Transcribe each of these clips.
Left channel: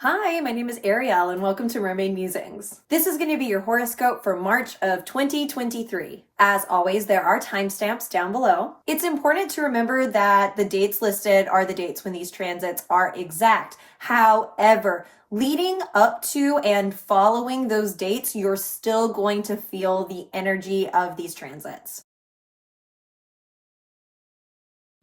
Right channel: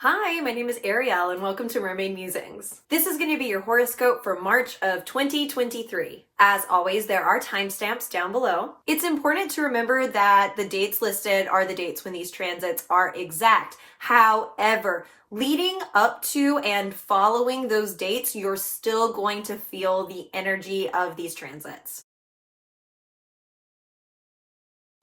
Hi, my name is Ariel and welcome to Mermaid Musings. This is going to be your horoscope for March of 2023. As always, there are timestamps down below. It's important to remember that the dates listed are the dates when these transits are exact. However, leading up to and following those dates, you're still going to feel the energy of these transits.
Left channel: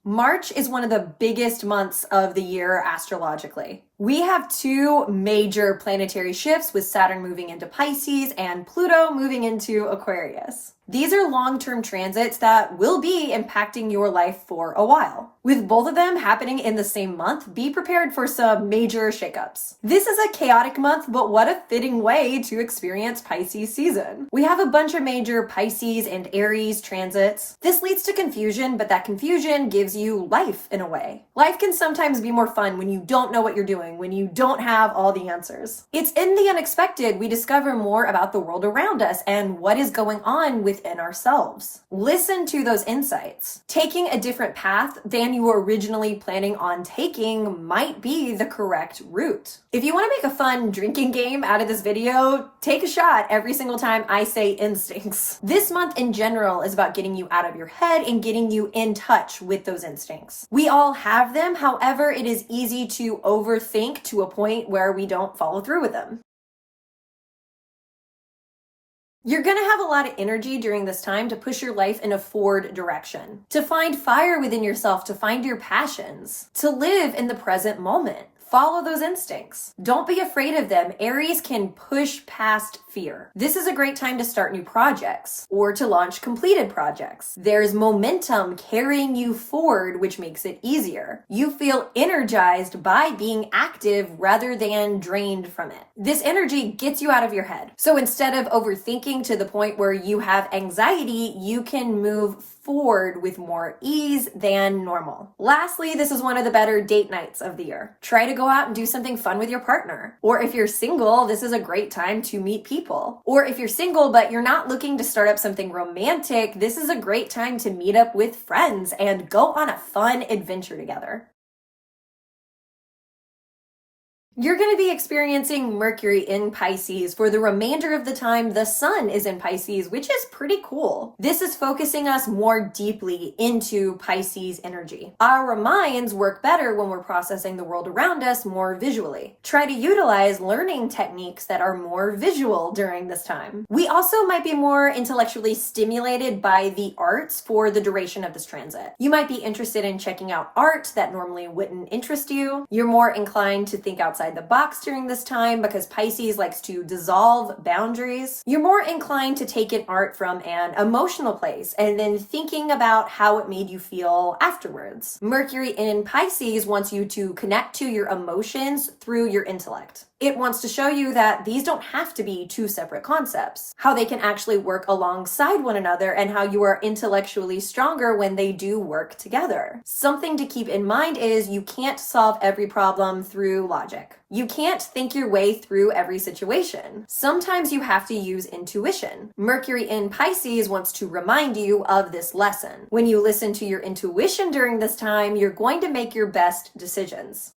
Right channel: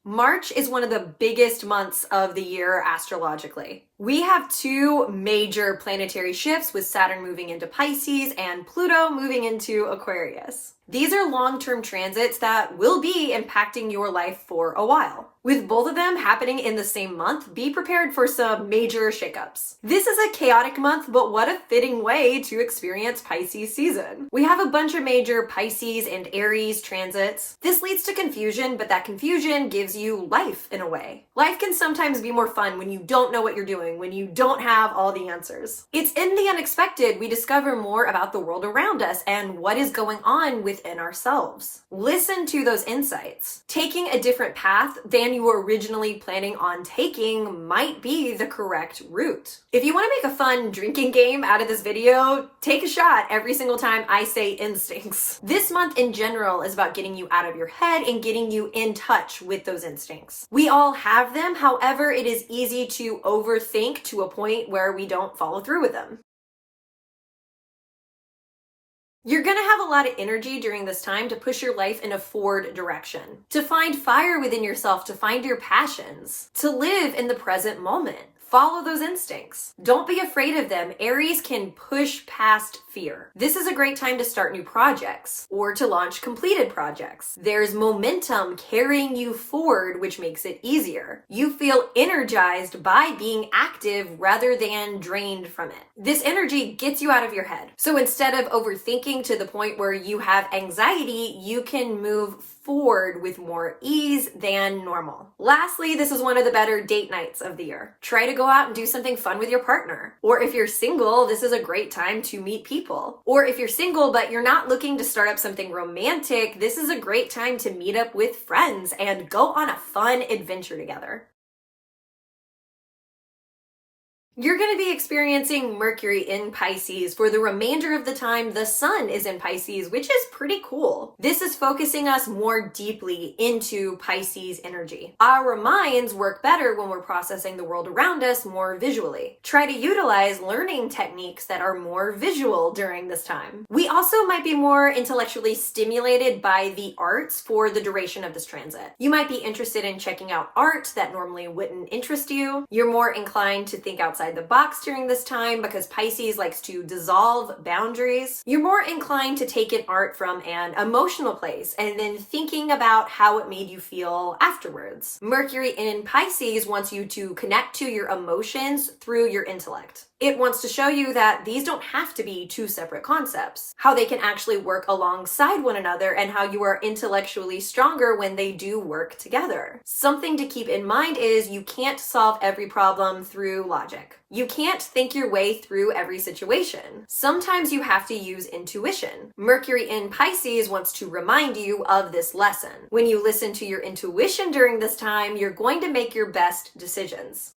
March is one of the biggest months of the year astrologically. We have two major planetary shifts with Saturn moving into Pisces and Pluto moving into Aquarius. These are long-term transits that will be impacting your life for a while. With both of them happening in the same month, be prepared for some major shakeups. This is a chaotic month, but what a fitting way to experience Pisces season. We have a bunch of major Pisces and Aries transits. This leads to confusion, but that confusion gives you life in a way. Life can sometimes be more fun when you don't know what you're doing, when you don't have all the answers. It's in the unexpected we discover more about the world around us and what is going on within ourselves. Listen to those insights. Taking a different path than you were originally planning on taking might be the correct route. If you want to make a fun drinking game out of this video, take a shot every single time I say instincts. This month in general is about getting you out of your head and getting you in touch with those instincts. We all have them, however, it is easy to overthink to a point where we don't follow through with them. You're going to have a lot of energy during this time to push your life in a forward direction, to find fire within yourself, to find your passions, to live in the present moment. Follow those instincts. Don't be afraid of them. Aries can push past fear. This is a great time to start new projects or to launch completed projects. There's momentum carrying you forward, which makes it easier. You feel energized by being active rather than drained from it. This energy gets you out of your head. So instead of overthinking to the point where you have anxiety, you can move forward with more ease than normal. Lastly, this is one of the better date nights of the year. Try to go out and do something fun with your partner. Or if you're single, this is a great time to meet people. Or if you're single but you're not looking to start up something romantic, this is a great time to meet up with friends and go on a fun adventure together. You're going to be experiencing Mercury in Pisces for the remainder of the time the sun is in Pisces, which is pretty cool. This is focusing us more deeply into Pisces energy. Our minds work better when we're processing the world around us more visually. Try to utilize learning techniques that are more visual during this time. We also might be more intellectually stimulated by the arts for the duration of this transit. You might be interested in checking out art that normally wouldn't interest you. You're more inclined to think outside the box during this time because Pisces likes to dissolve boundaries. You're more inclined to take in art from an emotional place and then thinking about how it made you feel afterwards. Mercury in Pisces wants you to connect to your emotions through your intellect. It wants to show you that these don't have to be two separate concepts, how they can actually work alongside one another and how you are intellectually stronger when they do work together. Something to keep in mind is you can't solve every problem through logic. You can't think your way through every situation. Sometimes you have to use intuition. Mercury in Pisces wants to remind you of this lesson. When you listen to your intuition during this time, you're going to make your best decisions.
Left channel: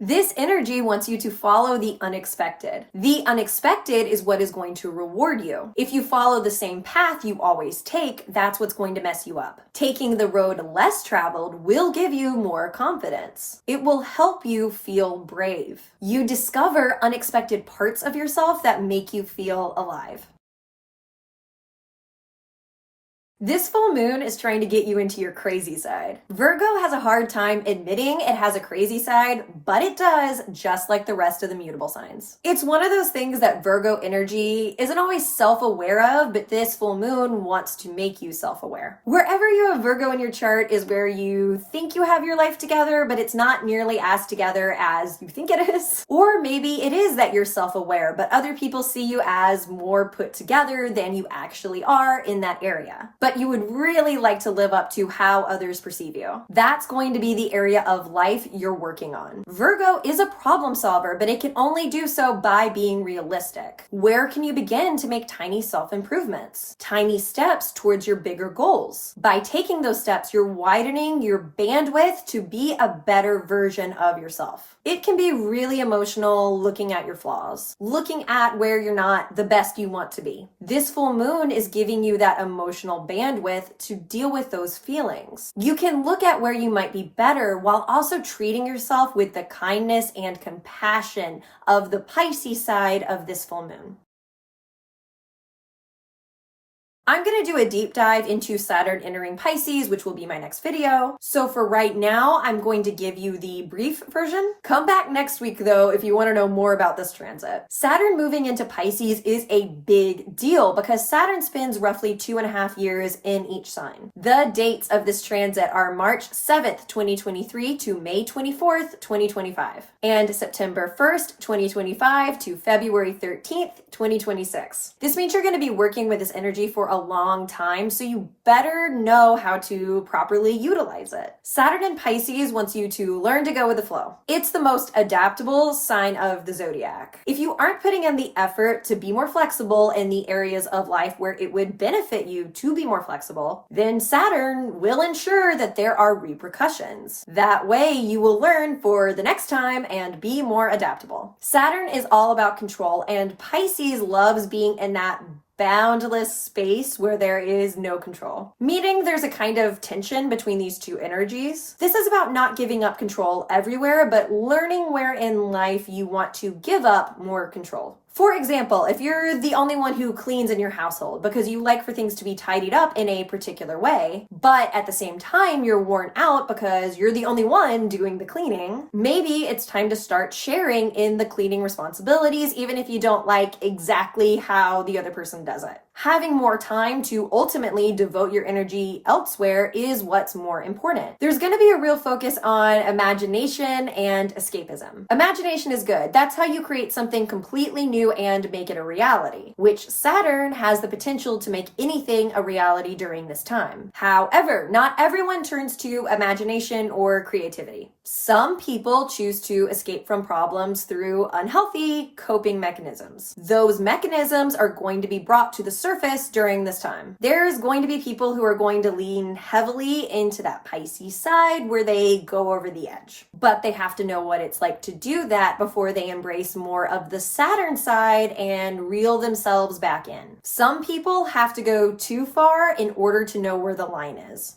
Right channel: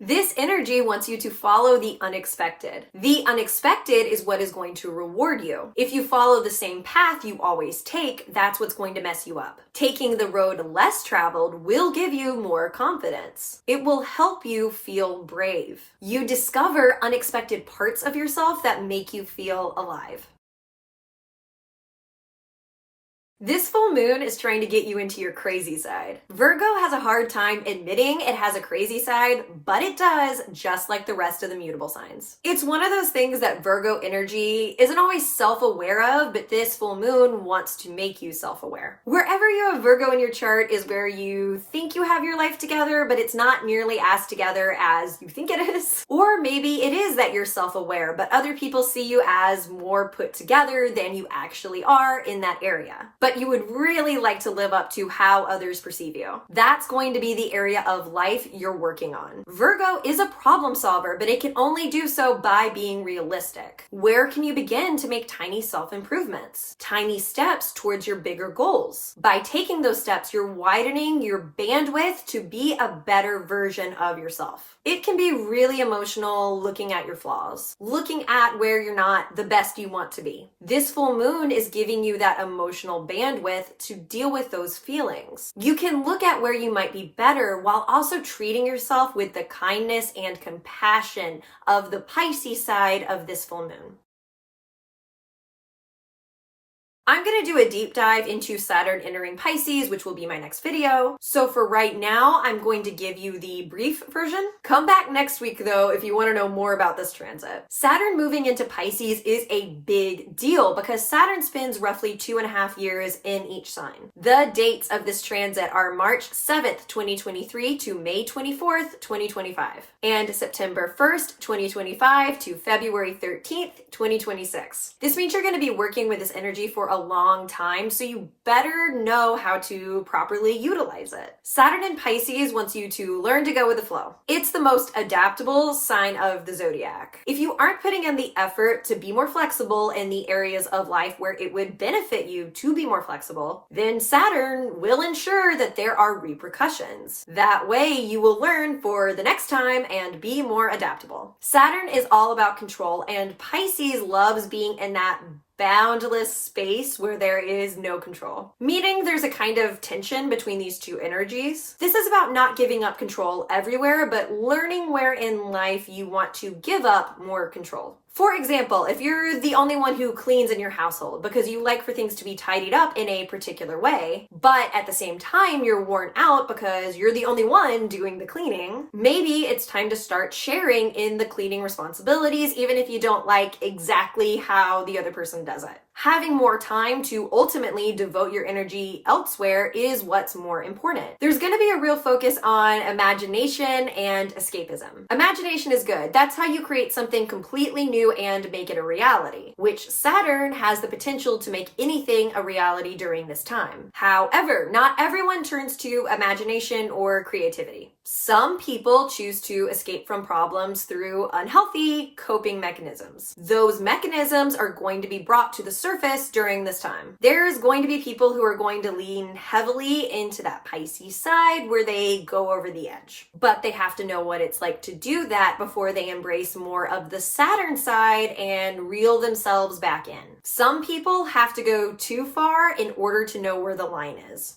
This energy wants you to follow the unexpected. The unexpected is what is going to reward you. If you follow the same path you always take, that's what's going to mess you up. Taking the road less traveled will give you more confidence. It will help you feel brave. You discover unexpected parts of yourself that make you feel alive. This full moon is trying to get you into your crazy side. Virgo has a hard time admitting it has a crazy side, but it does, just like the rest of the mutable signs. It's one of those things that Virgo energy isn't always self-aware of, but this full moon wants to make you self-aware. Wherever you have Virgo in your chart is where you think you have your life together, but it's not nearly as together as you think it is. Or maybe it is that you're self-aware, but other people see you as more put together than you actually are in that area. But but you would really like to live up to how others perceive you. That's going to be the area of life you're working on. Virgo is a problem solver, but it can only do so by being realistic. Where can you begin to make tiny self-improvements? Tiny steps towards your bigger goals. By taking those steps, you're widening your bandwidth to be a better version of yourself. It can be really emotional looking at your flaws, looking at where you're not the best you want to be. This full moon is giving you that emotional bandwidth to deal with those feelings. You can look at where you might be better while also treating yourself with the kindness and compassion of the Pisces side of this full moon. I'm going to do a deep dive into Saturn entering Pisces, which will be my next video. So for right now, I'm going to give you the brief version. Come back next week though if you want to know more about this transit. Saturn moving into Pisces is a big deal because Saturn spends roughly 2.5 years in each sign. The dates of this transit are March 7th, 2023 to May 24th, 2025, and September 1st, 2025 to February 13th, 2026. This means you're going to be working with this energy for a long time, so you better know how to properly utilize it. Saturn in Pisces wants you to learn to go with the flow. It's the most adaptable sign of the zodiac. If you aren't putting in the effort to be more flexible in the areas of life where it would benefit you to be more flexible, then Saturn will ensure that there are repercussions. That way you will learn for the next time and be more adaptable. Saturn is all about control, and Pisces loves being in that boundless space where there is no control. Meaning there's a kind of tension between these two energies. This is about not giving up control everywhere, but learning where in life you want to give up more control. For example, if you're the only one who cleans in your household because you like for things to be tidied up in a particular way, but at the same time you're worn out because you're the only one doing the cleaning, maybe it's time to start sharing in the cleaning responsibilities, even if you don't like exactly how the other person does it. Having more time to ultimately devote your energy elsewhere is what's more important. There's going to be a real focus on imagination and escapism. Imagination is good. That's how you create something completely new and make it a reality, which Saturn has the potential to make anything a reality during this time. However, not everyone turns to imagination or creativity. Some people choose to escape from problems through unhealthy coping mechanisms. Those mechanisms are going to be brought to the surface during this time. There's going to be people who are going to lean heavily into that Pisces side where they go over the edge. But they have to know what it's like to do that before they embrace more of the Saturn side and reel themselves back in. Some people have to go too far in order to know where the line is.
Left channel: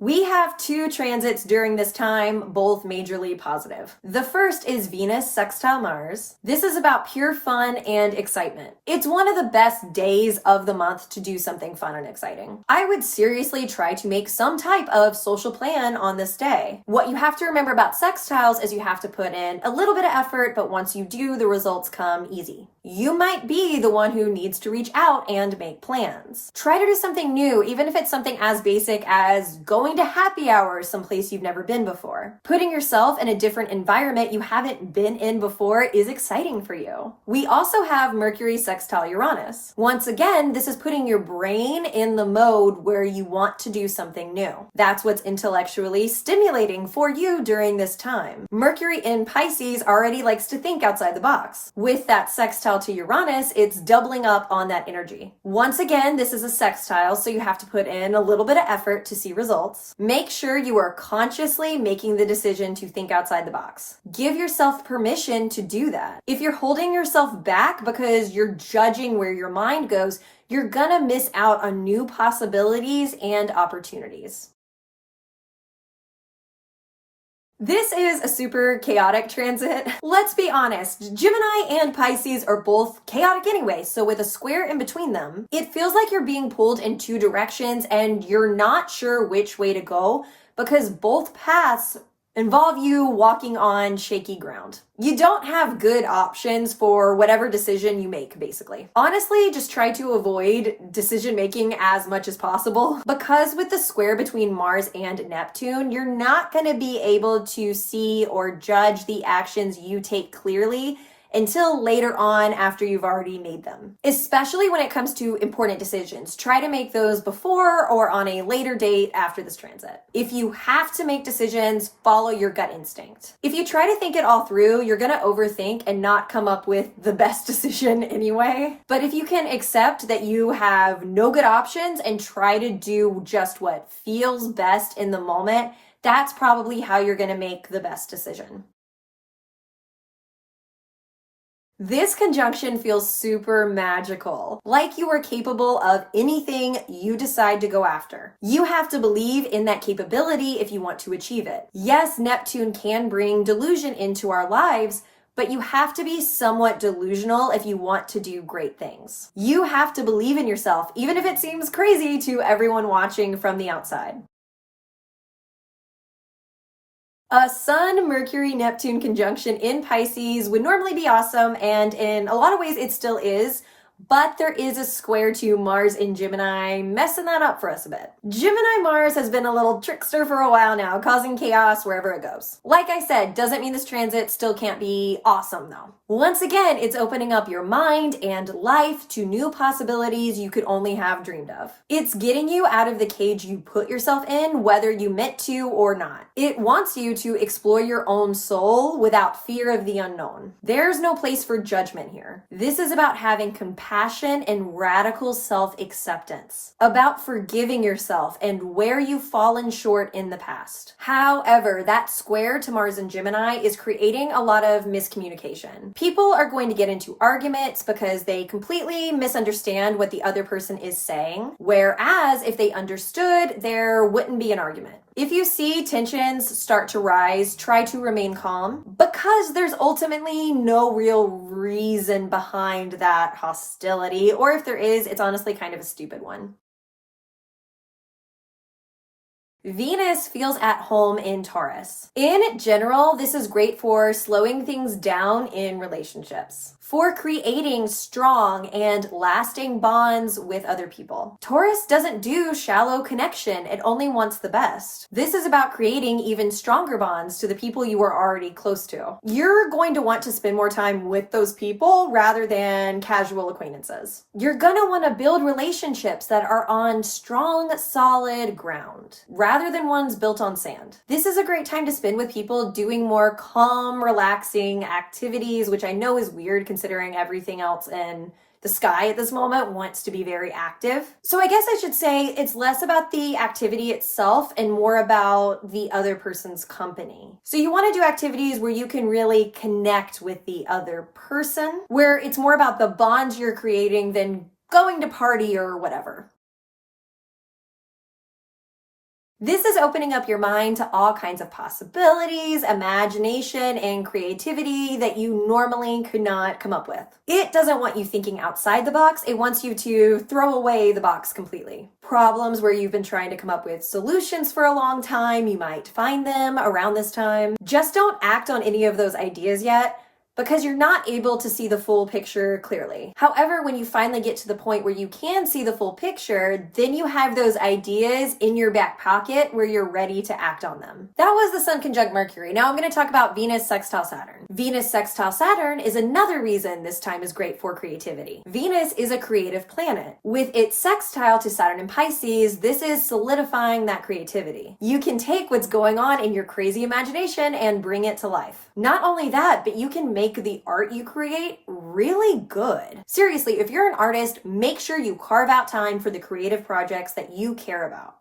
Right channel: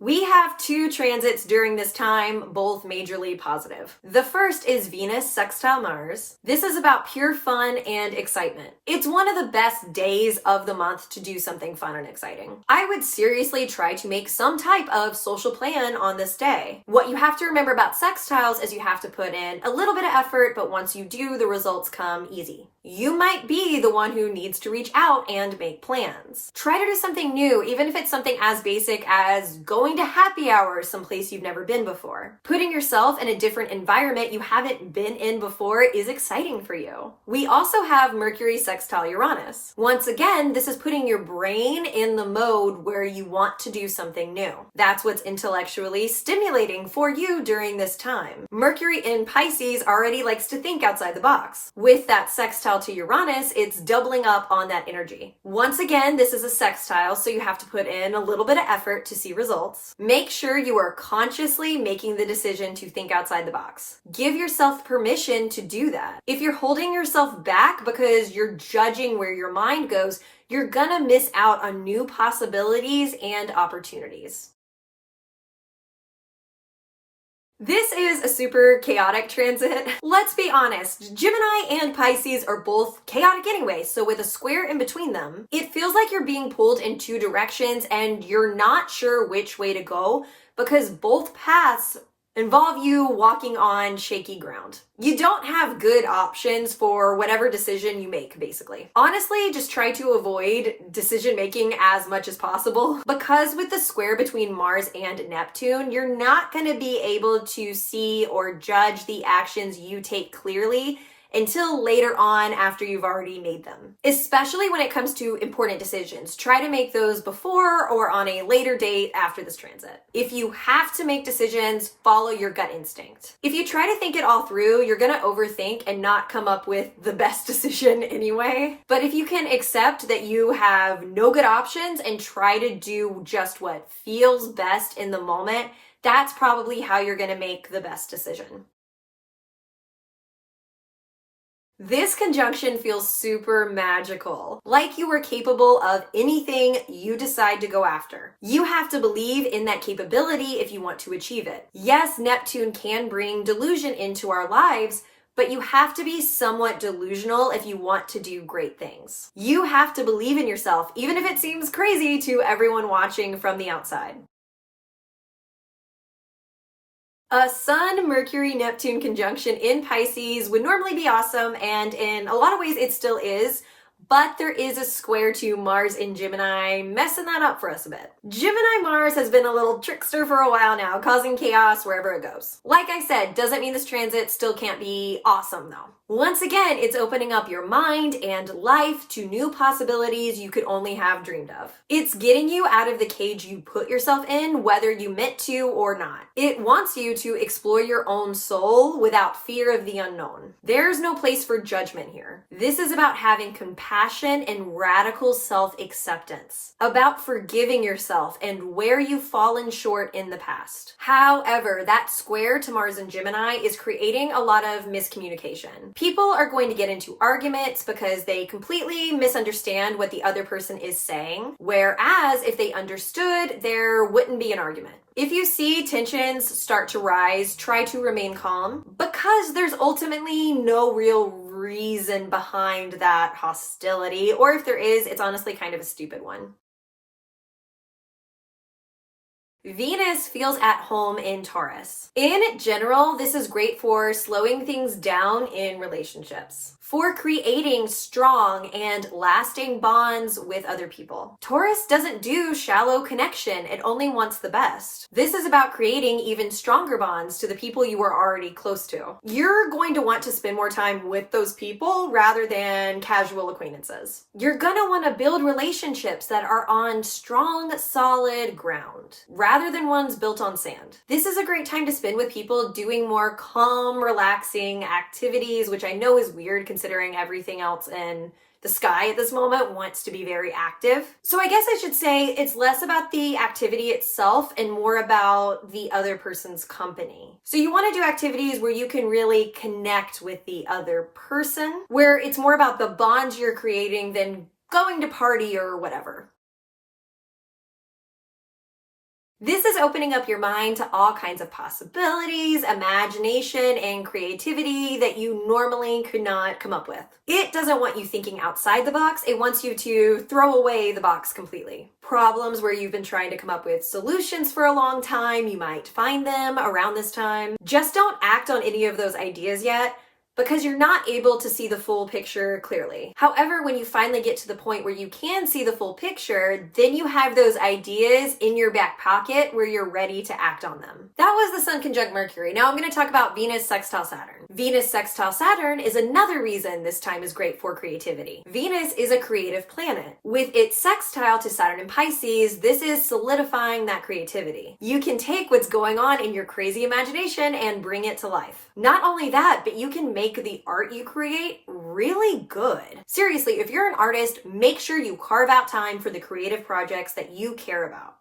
We have two transits during this time, both majorly positive. The first is Venus sextile Mars. This is about pure fun and excitement. It's one of the best days of the month to do something fun and exciting. I would seriously try to make some type of social plan on this day. What you have to remember about sextiles is you have to put in a little bit of effort, but once you do, the results come easy. You might be the one who needs to reach out and make plans. Try to do something new, even if it's something as basic as going to happy hour someplace you've never been before. Putting yourself in a different environment you haven't been in before is exciting for you. We also have Mercury sextile Uranus. Once again, this is putting your brain in the mode where you want to do something new. That's what's intellectually stimulating for you during this time. Mercury in Pisces already likes to think outside the box. With that sextile to Uranus, it's doubling up on that energy. Once again, this is a sextile, so you have to put in a little bit of effort to see results. Make sure you are consciously making the decision to think outside the box. Give yourself permission to do that. If you're holding yourself back because you're judging where your mind goes, you're gonna miss out on new possibilities and opportunities. This is a super chaotic transit. Let's be honest, Gemini and Pisces are both chaotic anyway, so with a square in between them, it feels like you're being pulled in two directions and you're not sure which way to go because both paths involve you walking on shaky ground. You don't have good options for whatever decision you make, basically. Honestly, just try to avoid decision making as much as possible because with the square between Mars and Neptune, you're not going to be able to see or judge the actions you take clearly until later on after you've already made them. Especially when it comes to important decisions, try to make those before or on a later date after this transit. If you have to make decisions, follow your gut instinct. If you try to think it all through, you're gonna overthink and not come up with the best decision anyway. But if you can accept that you have no good options and try to do just what feels best in the moment, that's probably how you're gonna make the best decision. This conjunction feels super magical, like you are capable of anything you decide to go after. You have to believe in that capability if you want to achieve it. Yes, Neptune can bring delusion into our lives, but you have to be somewhat delusional if you want to do great things. You have to believe in yourself, even if it seems crazy to everyone watching from the outside. A Sun-Mercury-Neptune conjunction in Pisces would normally be awesome, and in a lot of ways it still is, but there is a square to Mars in Gemini, messing that up for us a bit. Gemini-Mars has been a little trickster for a while now, causing chaos wherever it goes. Like I said, doesn't mean this transit still can't be awesome though. Once again, it's opening up your mind and life to new possibilities you could only have dreamed of. It's getting you out of the cage you put yourself in, whether you meant to or not. It wants you to explore your own soul without fear of the unknown. There's no place for judgment here. This is about having compassion and radical self-acceptance, about forgiving yourself and where you've fallen short in the past. However, that square to Mars and Gemini is creating a lot of miscommunication. People are going to get into arguments because they completely misunderstand what the other person is saying, whereas if they understood, there wouldn't be an argument. If you see tensions start to rise, try to remain calm, because there's ultimately no real reason behind that hostility, or if there is, it's honestly kind of a stupid one. Venus feels at home in Taurus. In general, this is great for slowing things down in relationships, for creating strong and lasting bonds with other people. Taurus doesn't do shallow connection, it only wants the best. This is about creating even stronger bonds to the people you are already close to. You're going to want to spend more time with those people rather than casual acquaintances. You're gonna want to build relationships that are on strong, solid ground, rather than ones built on sand. This is a great time to spend with people doing more calm, relaxing activities, which I know is weird considering everything else in the sky at this moment wants to be very active. So I guess I should say it's less about the activity itself and more about the other person's company. So you want to do activities where you can really connect with the other person, where it's more about the bonds you're creating than going to party or whatever. This is opening up your mind to all kinds of possibilities, imagination, and creativity that you normally could not come up with. It doesn't want you thinking outside the box, it wants you to throw away the box completely. Problems where you've been trying to come up with solutions for a long time, you might find them around this time. Just don't act on any of those ideas yet, because you're not able to see the full picture clearly. However, when you finally get to the point where you can see the full picture, then you have those ideas in your back pocket where you're ready to act on them. That was the Sun conjunct Mercury. Now I'm going to talk about Venus sextile Saturn. Venus sextile Saturn is another reason this time is great for creativity. Venus is a creative planet. With its sextile to Saturn in Pisces, this is solidifying that creativity. You can take what's going on in your crazy imagination and bring it to life. Not only that, but you can make the art you create really good. Seriously, if you're an artist, make sure you carve out time for the creative projects that you care about.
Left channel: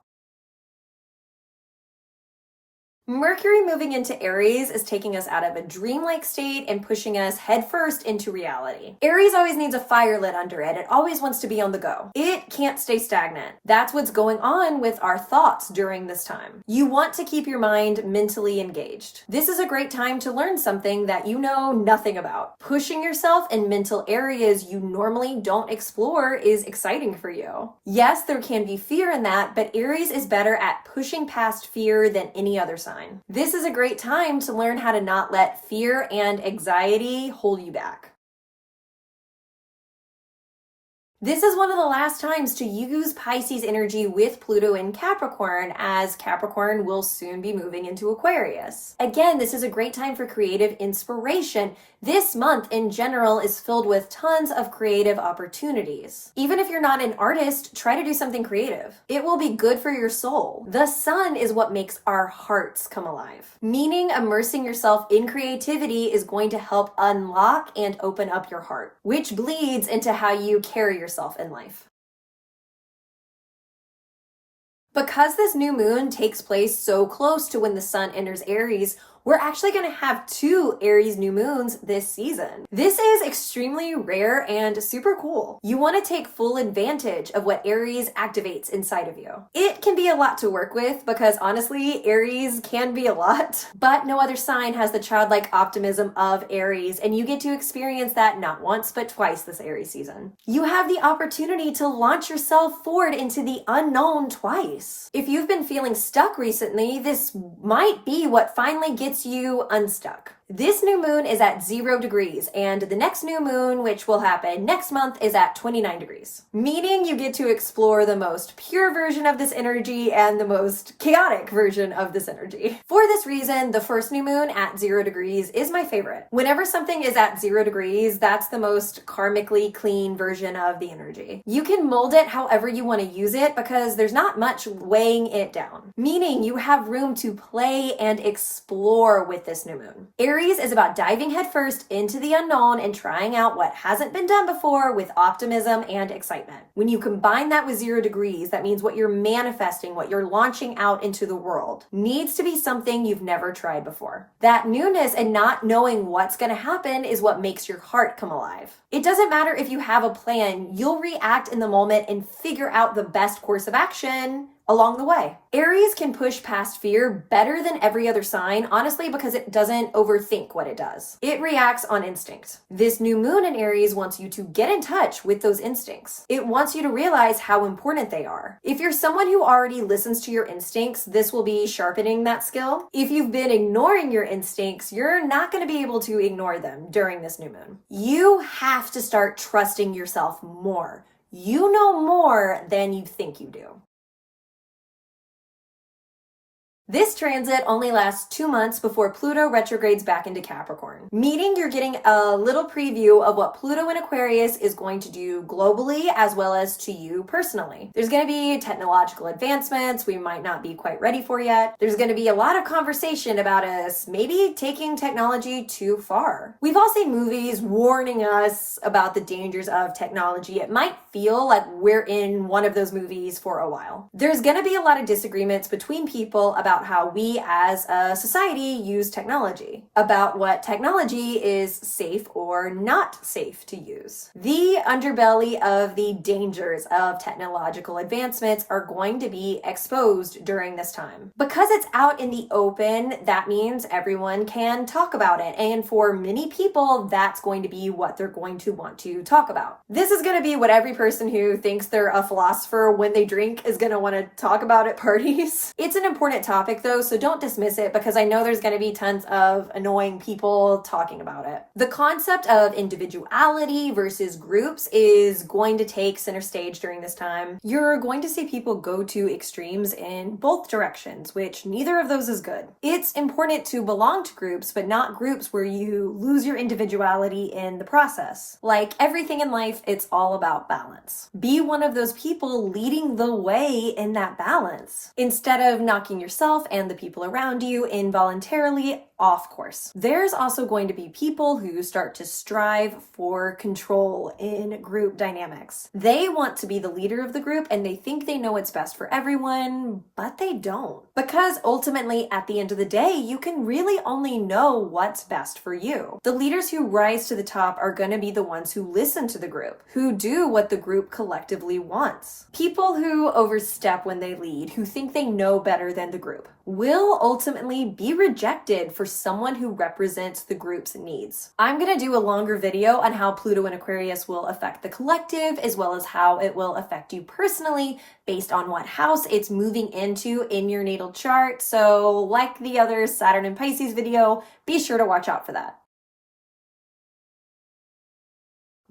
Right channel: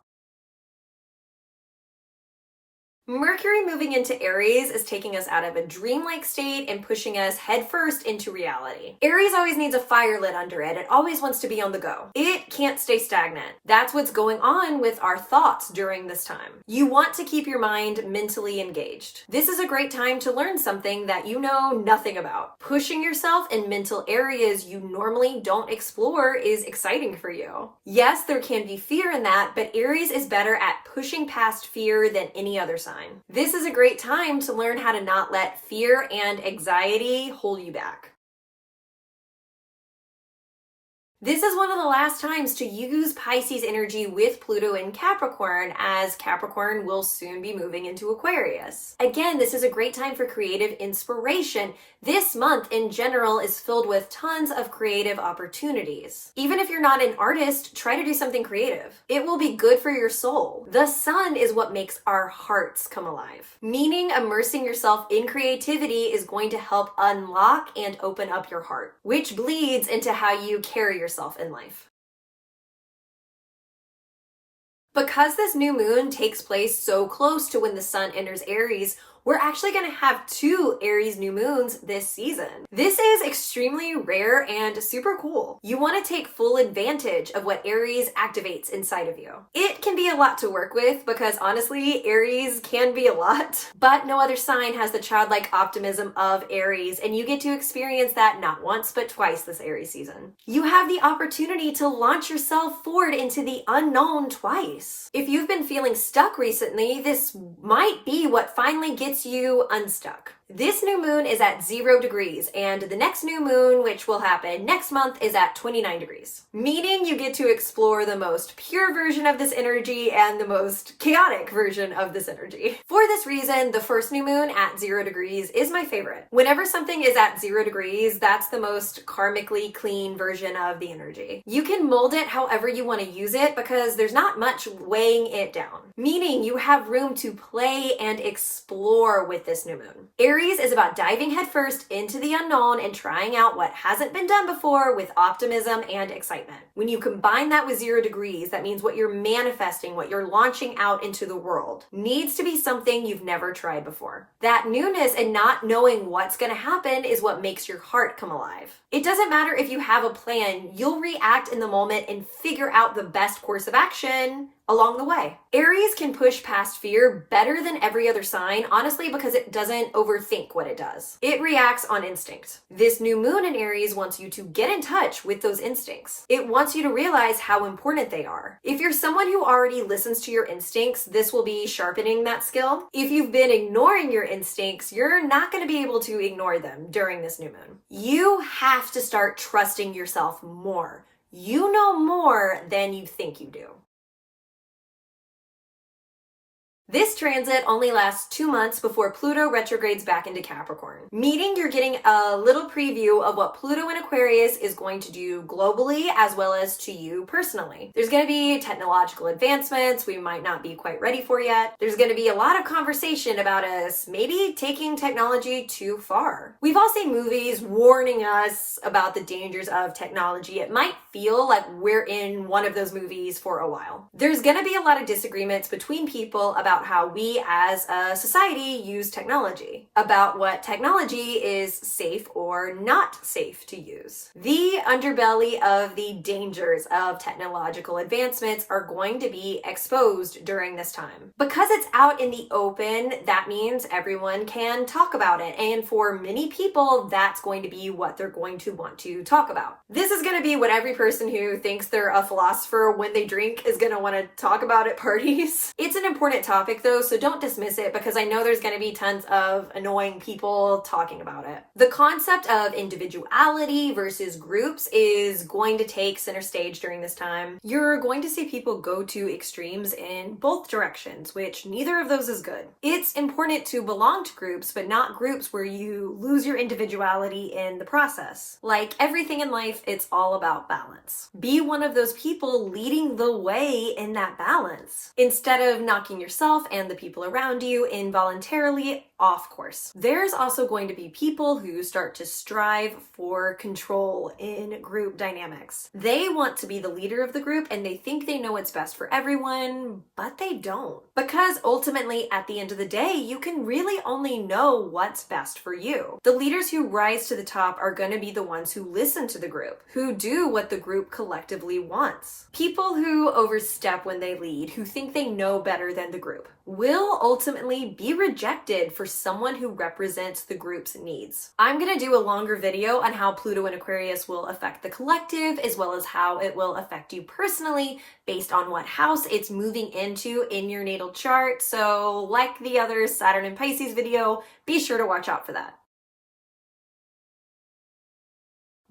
Mercury moving into Aries is taking us out of a dreamlike state and pushing us headfirst into reality. Aries always needs a fire lit under it. It always wants to be on the go. It can't stay stagnant. That's what's going on with our thoughts during this time. You want to keep your mind mentally engaged. This is a great time to learn something that you know nothing about. Pushing yourself in mental areas you normally don't explore is exciting for you. Yes, there can be fear in that, but Aries is better at pushing past fear than any other sign. This is a great time to learn how to not let fear and anxiety hold you back. This is one of the last times to use Pisces energy with Pluto in Capricorn, as Capricorn will soon be moving into Aquarius. Again, this is a great time for creative inspiration. This month in general is filled with tons of creative opportunities. Even if you're not an artist, try to do something creative. It will be good for your soul. The sun is what makes our hearts come alive, meaning immersing yourself in creativity is going to help unlock and open up your heart, which bleeds into how you carry yourself in life. Because this new moon takes place so close to when the sun enters Aries, we're actually going to have 2 Aries new moons this season. This is extremely rare and super cool. You want to take full advantage of what Aries activates inside of you. It can be a lot to work with because honestly, Aries can be a lot, but no other sign has the childlike optimism of Aries, and you get to experience that not once but twice this Aries season. You have the opportunity to launch yourself forward into the unknown twice. If you've been feeling stuck recently, this might be what finally gets you unstuck. This new moon is at 0 degrees, and the next new moon, which will happen next month, is at 29 degrees. Meaning you get to explore the most pure version of this energy and the most chaotic version of this energy. For this reason, the first new moon at 0 degrees is my favorite. Whenever something is at 0 degrees, that's the most karmically clean version of the energy. You can mold it however you want to use it because there's not much weighing it down. Meaning you have room to play and explore with this new moon. Aries is about diving headfirst into the unknown and trying out what hasn't been done before with optimism and excitement. When you combine that with 0 degrees, that means what you're manifesting, what you're launching out into the world, needs to be something you've never tried before. That newness and not knowing what's going to happen is what makes your heart come alive. It doesn't matter if you have a plan, you'll react in the moment and figure out the best course of action along the way. Aries can push past fear better than every other sign, honestly, because it doesn't overthink what it does. It reacts on instinct. This new moon in Aries wants you to get in touch with those instincts. It wants you to realize how important they are. If you're someone who already listens to your instincts, this will be sharpening that skill. If you've been ignoring your instincts, you're not going to be able to ignore them during this new moon. You have to start trusting yourself more. You know more than you think you do. This transit only lasts 2 months before Pluto retrogrades back into Capricorn, meaning you're getting a little preview of what Pluto in Aquarius is going to do globally as well as to you personally. There's going to be technological advancements we might not be quite ready for yet. There's going to be a lot of conversation about us maybe taking technology too far. We've all seen movies warning us about the dangers of technology. It might feel like we're in one of those movies for a while. There's going to be a lot of disagreements between people about how we as a society use technology, about what technology is safe or not safe to use. The underbelly of the dangers of technological advancements are going to be exposed during this time. Because it's out in the open, that means everyone can talk about it. And for many people, that's going to be what they're going to want to talk about. This is going to be what every person who thinks they're a philosopher when they drink is going to want to talk about at parties. It's an important topic though, so don't dismiss it because I know there's going to be tons of annoying people talking about it. The concept of individuality versus groups is going to take center stage during this time. You're going to see people go to extremes in both directions, which neither of those is good. It's important to belong to groups, but not groups where you lose your individuality in the process. Like everything in life, it's all about balance. Be one of those people leading the way in that balance, instead of knocking yourself and the people around you involuntarily off course. There's also going to be people who start to strive for control in group dynamics. They want to be the leader of the group and they think they know what's best for everyone, but they don't. Because ultimately, at the end of the day, you can really only know what's best for you. The leaders who rise to the top are going to be the ones who listen to the group, who do what the group collectively wants. People who overstep when they lead, who think they know better than the group, will ultimately be rejected for someone who represents the group's needs. I'm going to do a longer video on how Pluto in Aquarius will affect the collective, as well as how it will affect you personally based on what house it's moving into in your natal chart. So like the other Saturn and Pisces video, be sure to watch out for that.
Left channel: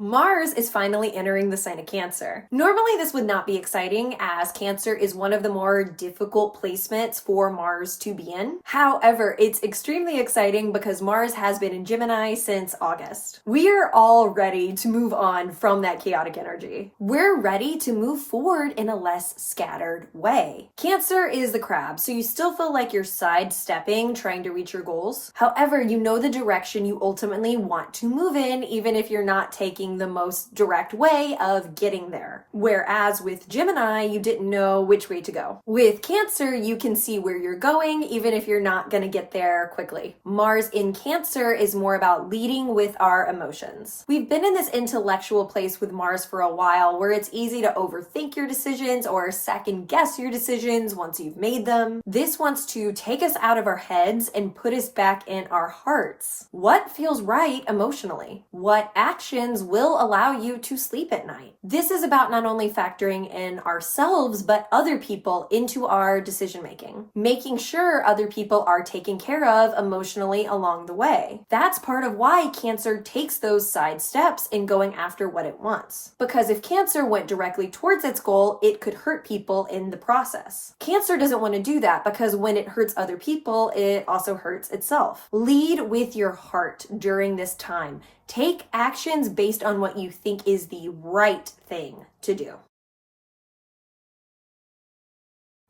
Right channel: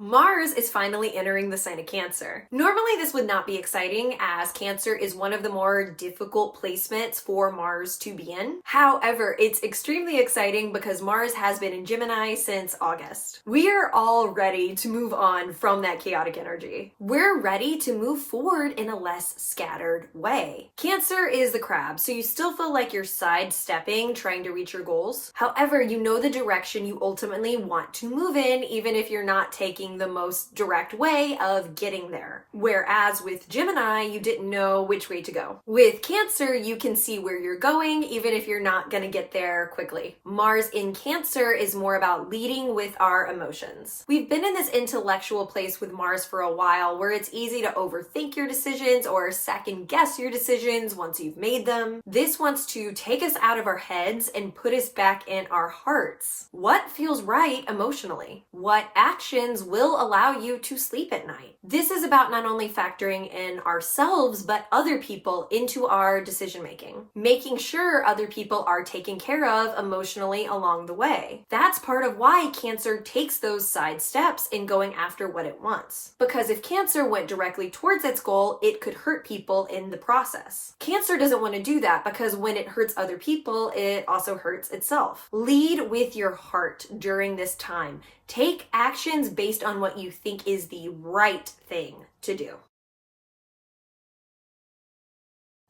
Mars is finally entering the sign of Cancer. Normally this would not be exciting, as Cancer is one of the more difficult placements for Mars to be in. However, it's extremely exciting because Mars has been in Gemini since August. We are all ready to move on from that chaotic energy. We're ready to move forward in a less scattered way. Cancer is the crab, so you still feel like you're sidestepping trying to reach your goals. However, you know the direction you ultimately want to move in, even if you're not taking the most direct way of getting there. Whereas with Gemini, you didn't know which way to go. With Cancer, you can see where you're going, even if you're not going to get there quickly. Mars in Cancer is more about leading with our emotions. We've been in this intellectual place with Mars for a while, where it's easy to overthink your decisions or second guess your decisions once you've made them. This wants to take us out of our heads and put us back in our hearts. What feels right emotionally? What actions will allow you to sleep at night? This is about not only factoring in ourselves, but other people into our decision making. Making sure other people are taken care of emotionally along the way. That's part of why Cancer takes those side steps in going after what it wants. Because if Cancer went directly towards its goal, it could hurt people in the process. Cancer doesn't want to do that because when it hurts other people, it also hurts itself. Lead with your heart during this time. Take actions based on what you think is the right thing to do.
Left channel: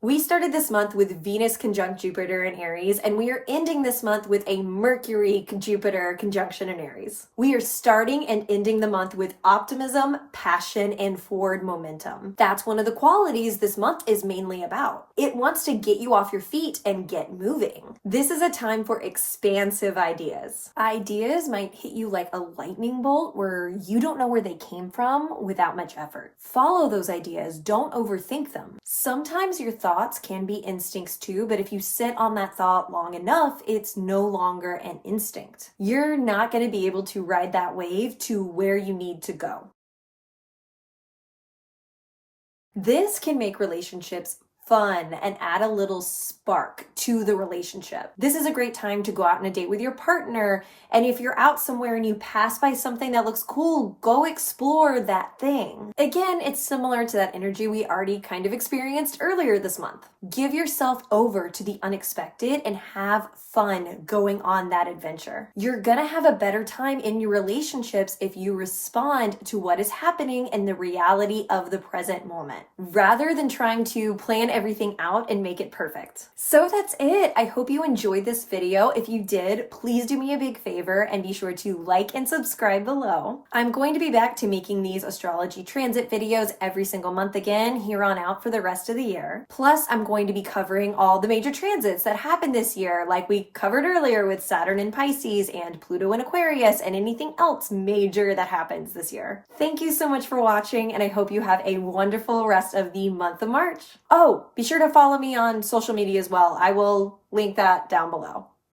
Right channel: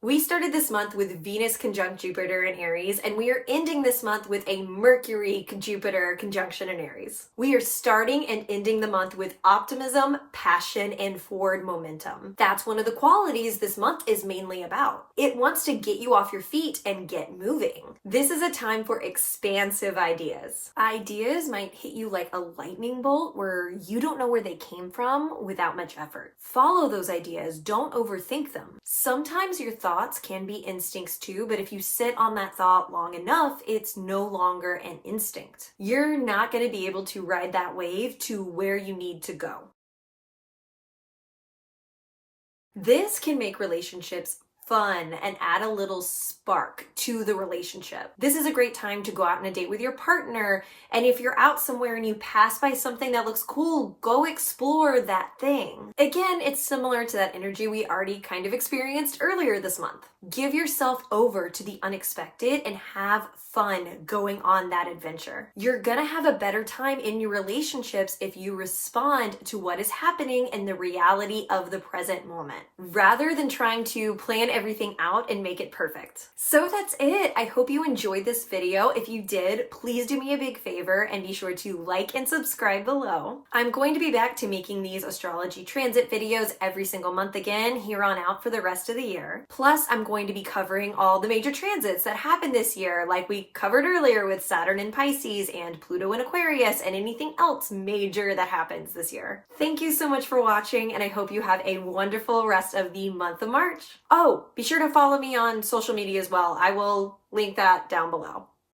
We started this month with Venus conjunct Jupiter in Aries, and we are ending this month with a Mercury Jupiter conjunction in Aries. We are starting and ending the month with optimism, passion, and forward momentum. That's one of the qualities this month is mainly about. It wants to get you off your feet and get moving. This is a time for expansive ideas. Ideas might hit you like a lightning bolt where you don't know where they came from without much effort. Follow those ideas, don't overthink them. Sometimes your thoughts can be instincts too, but if you sit on that thought long enough, it's no longer an instinct. You're not going to be able to ride that wave to where you need to go. This can make relationships fun and add a little spark to the relationship. This is a great time to go out on a date with your partner, and if you're out somewhere and you pass by something that looks cool, go explore that thing. Again, it's similar to that energy we already kind of experienced earlier this month. Give yourself over to the unexpected and have fun going on that adventure. You're gonna have a better time in your relationships if you respond to what is happening in the reality of the present moment, rather than trying to plan everything out and make it perfect. So that's it. I hope you enjoyed this video. If you did, please do me a big favor and be sure to like and subscribe below. I'm going to be back to making these astrology transit videos every single month again here on out for the rest of the year. Plus, I'm going to be covering all the major transits that happened this year, like we covered earlier with Saturn in Pisces and Pluto in Aquarius and anything else major that happens this year. Thank you so much for watching, and I hope you have a wonderful rest of the month of March. Oh, be sure to follow me on social media as well. I will link that down below.